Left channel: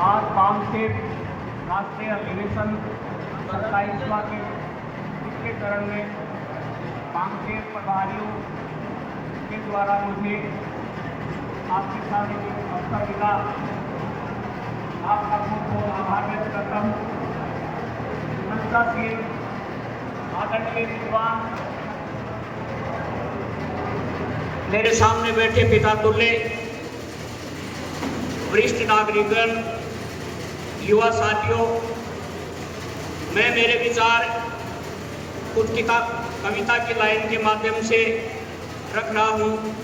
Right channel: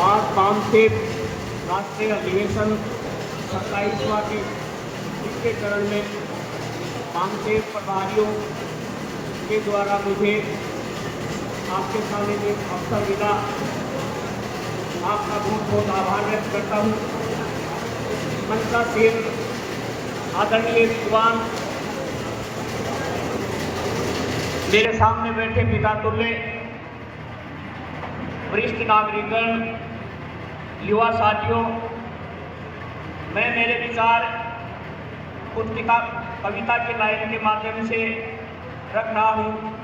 आज बामसेठ राष्ट्रीय अधिवेशन 27वां के तीसरे चरण में बामसेठ प्रभारियों के द्वारा मुझे आपके सामने में अवसर मिला। आपका बहुत बहुत आभार व्यक्त करता हूँ। मनसा सिंह आदरणीय विद्वान, मेरे सामने बैठे पिता तुल्य, वरिष्ठ नागरिकगण, युवा साथियों, मैं मेरे विचार कुछ कविता की लाइन के माध्यम से रख रहा हूँ,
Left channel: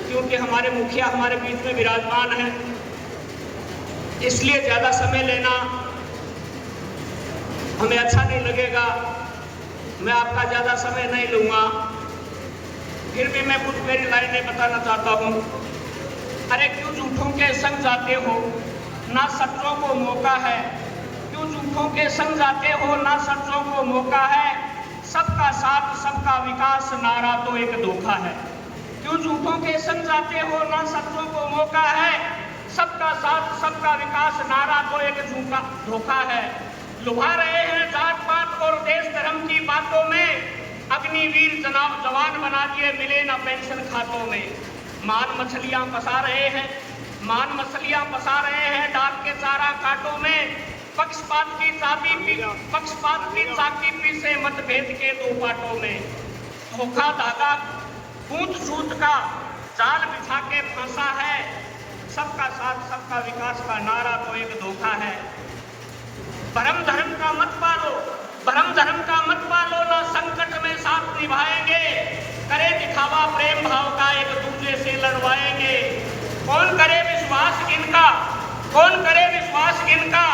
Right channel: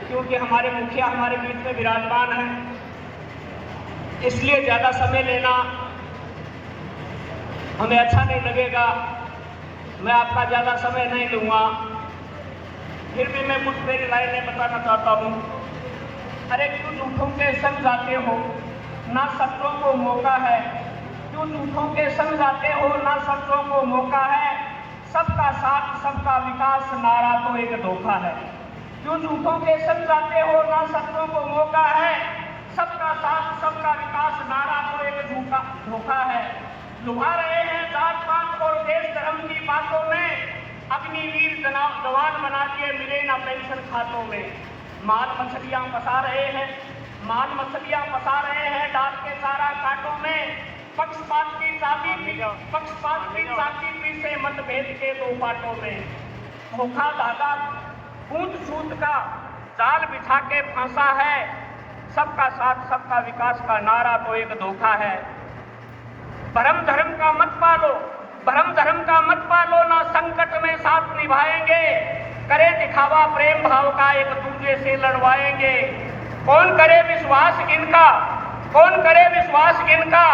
क्योंकि हमारे मुखिया हमारे बीच में विराजमान हैं, इसलिए ज़्यादा समय लेना हमें अच्छा नहीं लगेगा। मैं आपका ज़्यादा समय नहीं लूँगा, फिर भी मैं कुछ मेरी लाइनें बताना चाहता हूँ। अरे क्यों झूठों के संग जाते हो, ना सच्चों को मौका है। क्यों झूठों के संग जाते हो, ना सच्चों को मौका है। सबका साथ सबका विकास नारा तो एक धोखा है। क्यों झूठों के संग जाते हो, ना सच्चों को मौका है। सबका साथ सबका विकास नारा तो एक धोखा है। लुभा रहे हैं जात पात और देश धर्म की बातों में, अग्निवीर जवान बना दिए मिले ना पेंशन खातों में। मान मछलियां फंसा रहे हैं डाक के चारा कांटों में। पक्षपात की चाकी पीछे मतभेद के दो पाटों में। धोखा धागा कूट सूत का जाल बिछा के फंसा है। सबका साथ सबका विकास का नारा तो एक धोखा है। भरम धर्म का मत पालो, ना संकट में साथ निभाएंगे। करे दिखावा प्रेम भाव का एक दूसरे से लड़वाएंगे। कौन करे विश्वास इनका,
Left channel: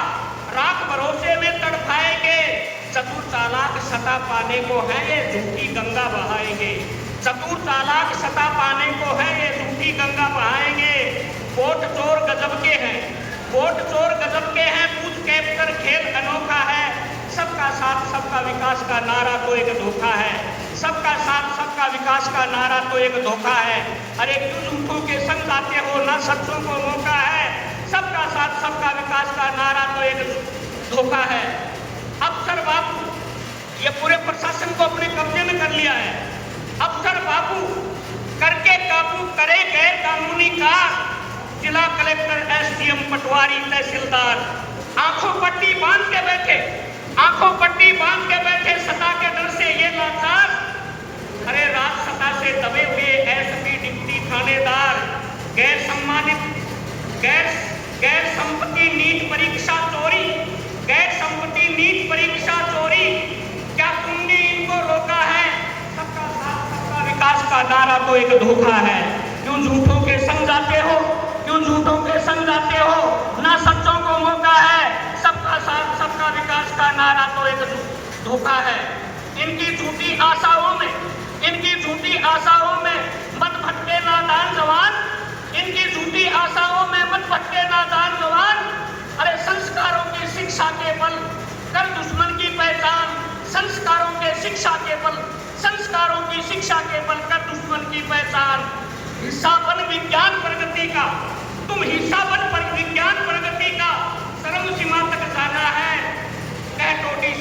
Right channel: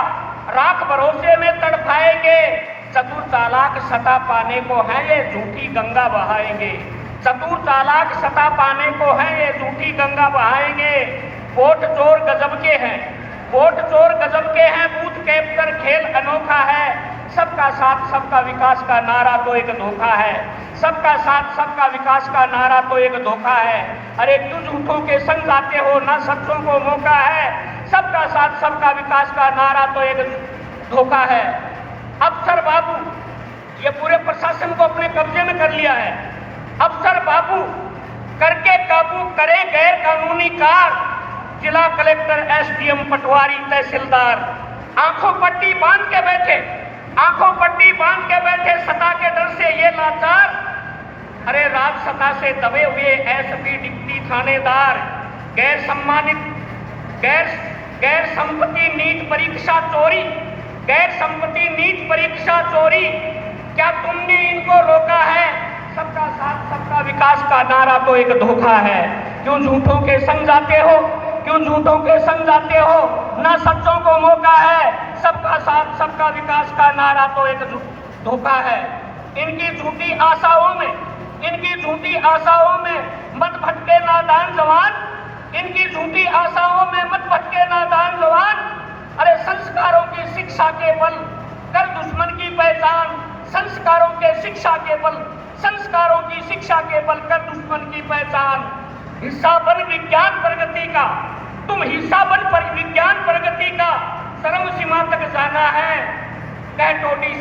राख भरोसे में तड़पाएंगे। चतुर चालाक सता पाने को है ये झूठी गंगा बहाएंगे। चतुर चालाक सता पाने को है ये झूठी गंगा बहाएंगे। वोट चोर गजब के हैं, बूथ कैप्चर खेल अनोखा है। सबका साथ सबका विकास का नारा तो एक धोखा है। सबका साथ सबका विकास का नारा तो एक धोखा है। अरे क्यों झूठों के संग जाते हो, ना सच्चों को मौका है। सबका साथ सबका विकास का नारा तो एक धोखा है। अफसर बाबू ये पूरे प्रशासन को अपने कब्जे में कर लिया है। अफसर बाबू करके काबू करे गैर कानूनी कार। जिला कलेक्टर, एसडीएम, पटवारी, तहसीलदार आंखों पट्टी बांध के बैठे सत्ता के डर से ये लाचार। अरे राजसत्ता से दबे हुए एसपी, डिप्टी थानेदार, गैर संपत्ति नीट परीक्षा चोरी, क्या तुमने इनको रोका है। सबका साथ सबका विकास का नारा तो एक धोखा है। क्यों झूठों के संग जाते हो, ना सच्चों को मौका है। सबका साथ सबका विकास का नारा तो एक धोखा है। इनकी झूठी आशाओं में मत भटके नादान जवान। अरे संस्कारों की शिक्षा के बल कर दुश्मन की पहचान। संस्कारों की शिक्षा के बल कर दुश्मन की पहचान। हिस्सा बन विज्ञान प्रगति का चरम सीमा तक जाना है। कहटोटी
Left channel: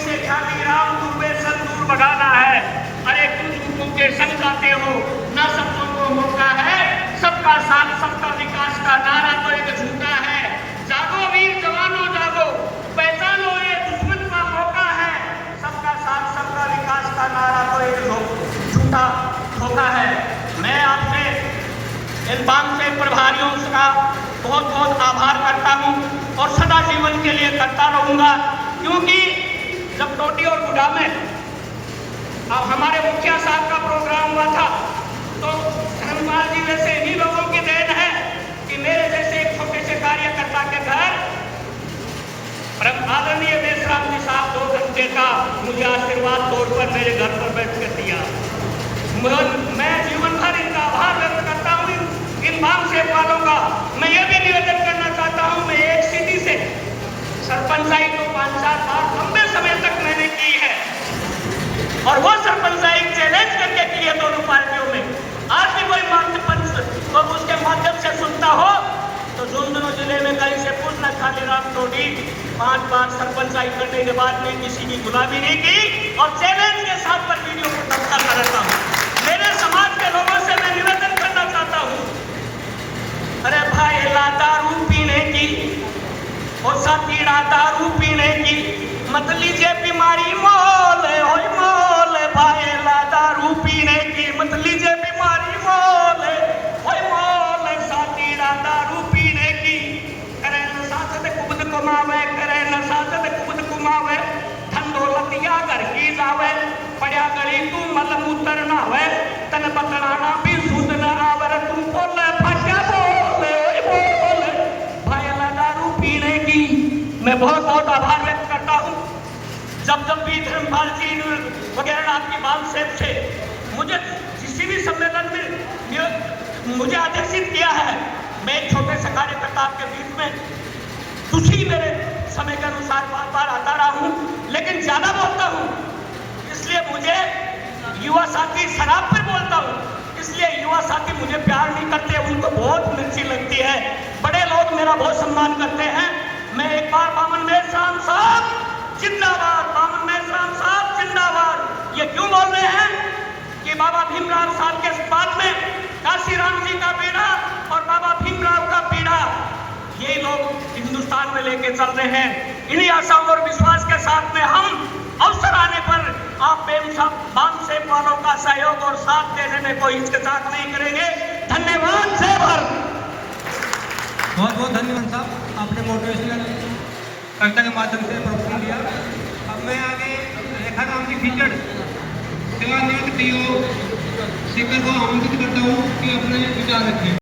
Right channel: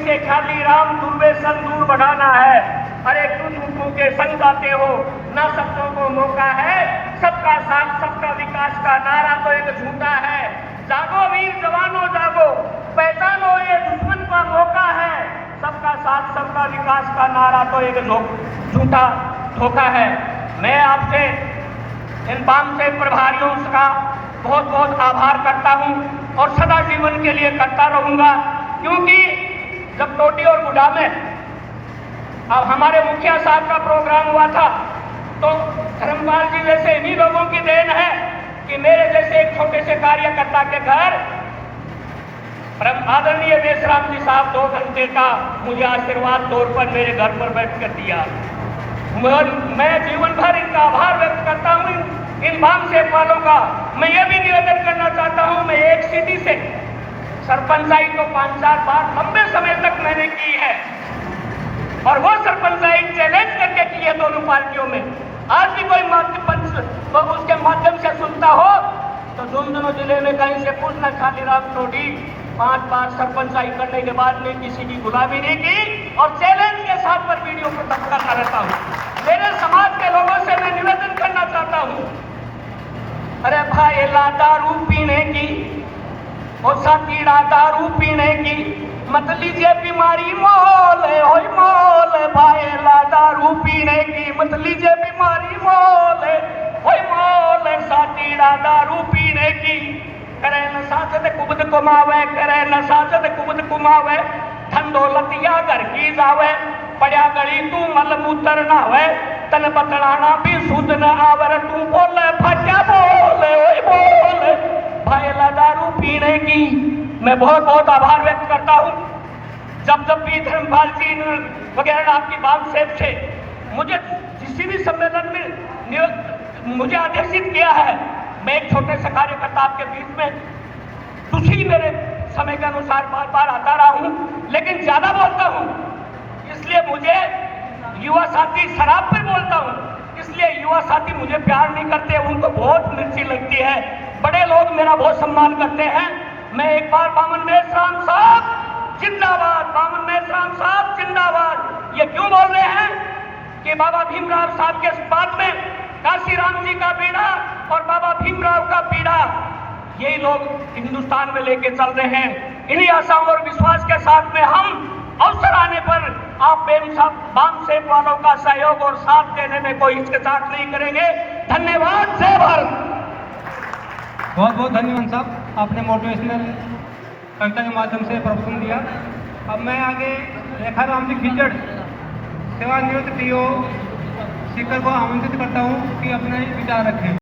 से खाली राम दूरवे संदूर बढ़ाना है। अरे क्यों झूठों के संग जाते हो, ना सच्चों को मौका है। सबका साथ सबका विकास का नारा तो एक झूठा है। जागो वीर जवानों जागो, पहचानो ये दुश्मन का मौका है। सबका साथ सबका विकास का नारा तो एक झूठा धोखा है। मैं आपसे इन बामसेठ प्रभारियों का बहुत बहुत आभार करता हूं और सदा जीवन के लिए करता रहूंगा, क्योंकि जब टोटी और गुड़ा में अब हमारे मुखिया साहब का प्रोग्राम हुआ था, तो धर्मपाल जी जैसे इन्हीं लोगों की देन है कि मेरे जैसे एक छोटे से कार्यकर्ता के घर आदरणीय देशराम जी साहब 2 घंटे का मुझे आशीर्वाद तौर पर मेरे घर पर बैठ कर दिया। मैं जीवन भर इनका आभार व्यक्त करता हूँ, इन बामसेठ वालों का। मैं ये भी निवेदन करना चाहता हूँ, मैं एक सीधी से सरपंचाई को 5-7 बार लंबे समय तक मैंने की है, और वो सरपंचाई चैलेंज करके की है दोनों पार्टियों में। आज भी कोई पंच तो उसके माध्यम से सुनता हो तो झुंझुनू जिले में कहीं से पूछना, शालीराम सोढ़ी 5 बार सरपंच आई करने के बाद में किसी की गुलामी नहीं की और चैलेंज के साथ पर वीडियो को दर्शाता रहता हूँ। मेरे समाज के लोगों से मैं निवेदन करना चाहता हूँ, अरे भाई ला दारू पीने की और साथीड़ा दारू पीने की मत लीजिए बीमारी मोल भाई ला दारू पीने की मत लीजिए बीमारी मोल साथीड़ा दारू पीने की करे नशा से कुबद कुमावे करे नशा से कुबद कुमावे ठंडो लतिया घर की जावे पड़िया गली तू मल मूत्र ना होवे तन पकड़ाना भी सुध न आवर तू बोले फटा बोले भाई ला दारू पीने की मैं बहुत बहुत आभार व्यक्त करता हूँ। जब भी धर्मपाल जी वगैरह आपकी बात से थे, मुझे किसी भी सम्मेलन में मुझे आदेशित किया है, मैं एक छोटे से कार्यकर्ता आपके बीच में तुझी मेरे समय के अनुसार बार बार आता रहा हूँ, लेकिन ज्यादा बोलता हूँ इसलिए मुझे युवा साथी शराब पर बोलता हूँ, इसलिए युवा साथी मुझे प्यार नहीं करते, उनको बहुत मिर्ची लगती है। बड़े लोग मेरा बहुत सम्मान करते हैं। मैं एक बार बामन मेश्राम साहब जिंदाबाद, बामन मेश्राम साहब जिंदाबाद ये क्यों बोल रहे हैं कि बाबा भीमराव साहब के बाद में काशीराम जी का पीढ़ा और बाबा भीमराव का पीढ़ा यही लोग हिंदुस्तान में लेके चल रहे हैं। इन्हीं आशाओं और विश्वास के साथ में हम अवसर आने पर आप बाम सेव वालों का सहयोग और साथ देने में कोई हिचकिचाहट नहीं करेंगे। धन्यवाद। जय भारत। बहुत बहुत धन्यवाद साहब, आपने मोटिवेशनल कविता के माध्यम से प्रवचन दिया। अब मैं आगे रेखा राम जी खिचड़ सेवानिवृत्त टीओ शेखर को आमंत्रित करता हूँ कि अपने विचार रखें।